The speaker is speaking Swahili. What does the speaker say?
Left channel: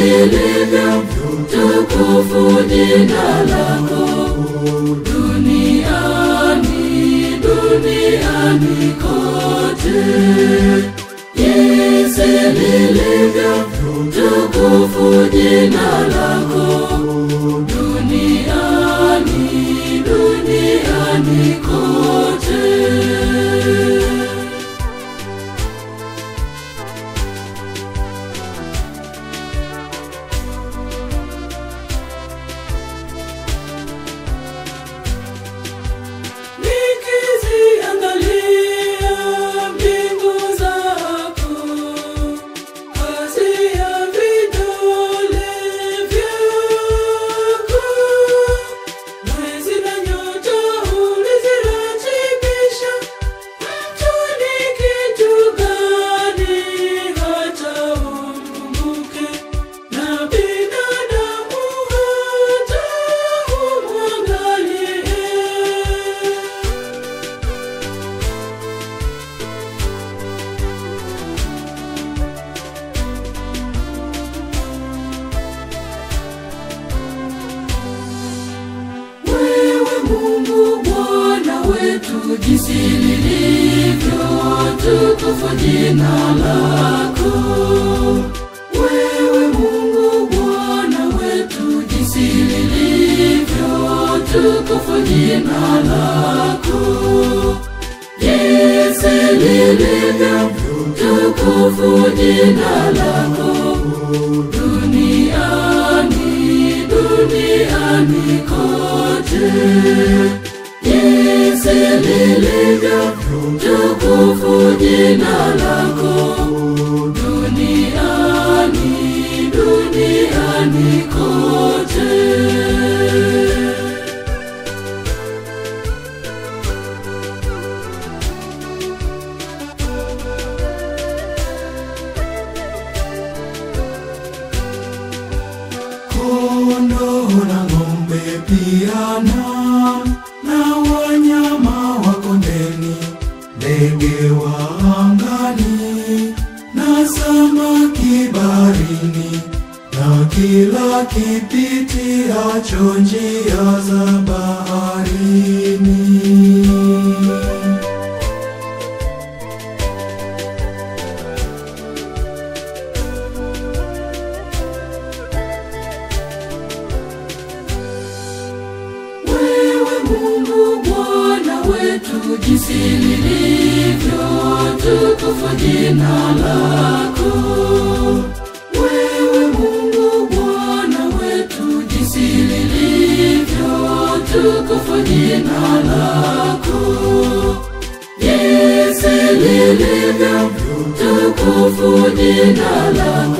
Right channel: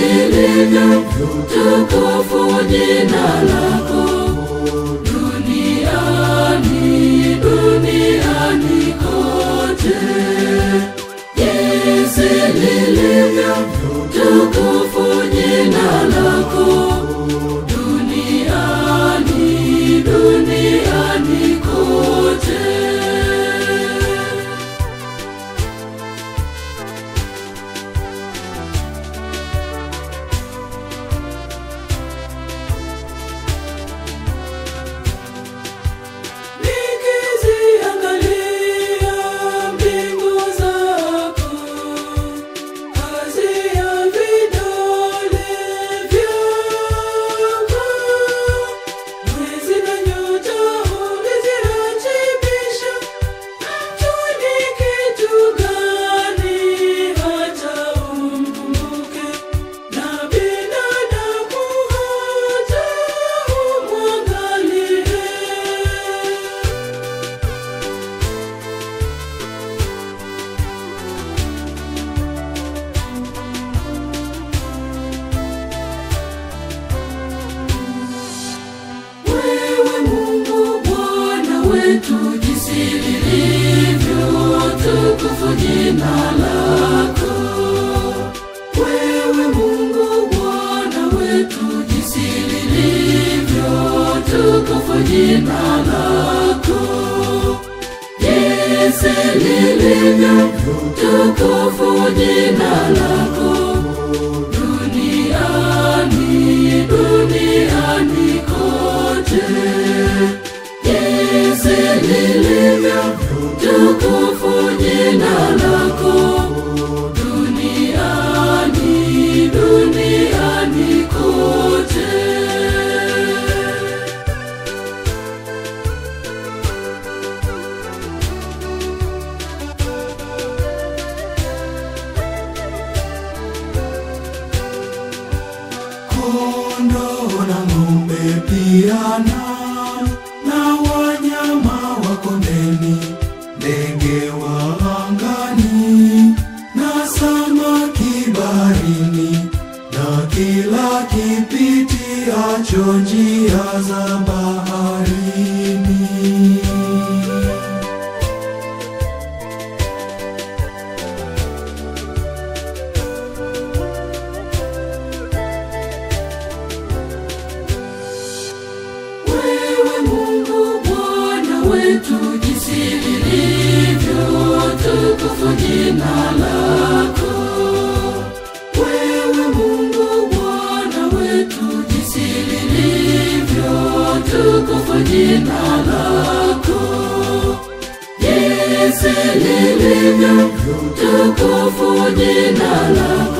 lilivyo tukufu jina lako duniani kote. Jinsi lilivyo tukufu jina lako duniani kote. Jina lako wewe Mungu Bwana wetu, jinsi lilivyo tukufu jina lako, jinsi lilivyo tukufu jina lako duniani kote. Jinsi lilivyo tukufu jina lako duniani kote. Kondoo na ng'ombe pia na wanyama wa kondeni, ndege wa angani na samaki baharini, na kila kipitiacho njia za baharini. Wewe Mungu Bwana wetu, jinsi lilivyo tukufu jina lako. Wewe Mungu Bwana wetu, jinsi lilivyo tukufu jina lako, jinsi lilivyo tukufu jina lako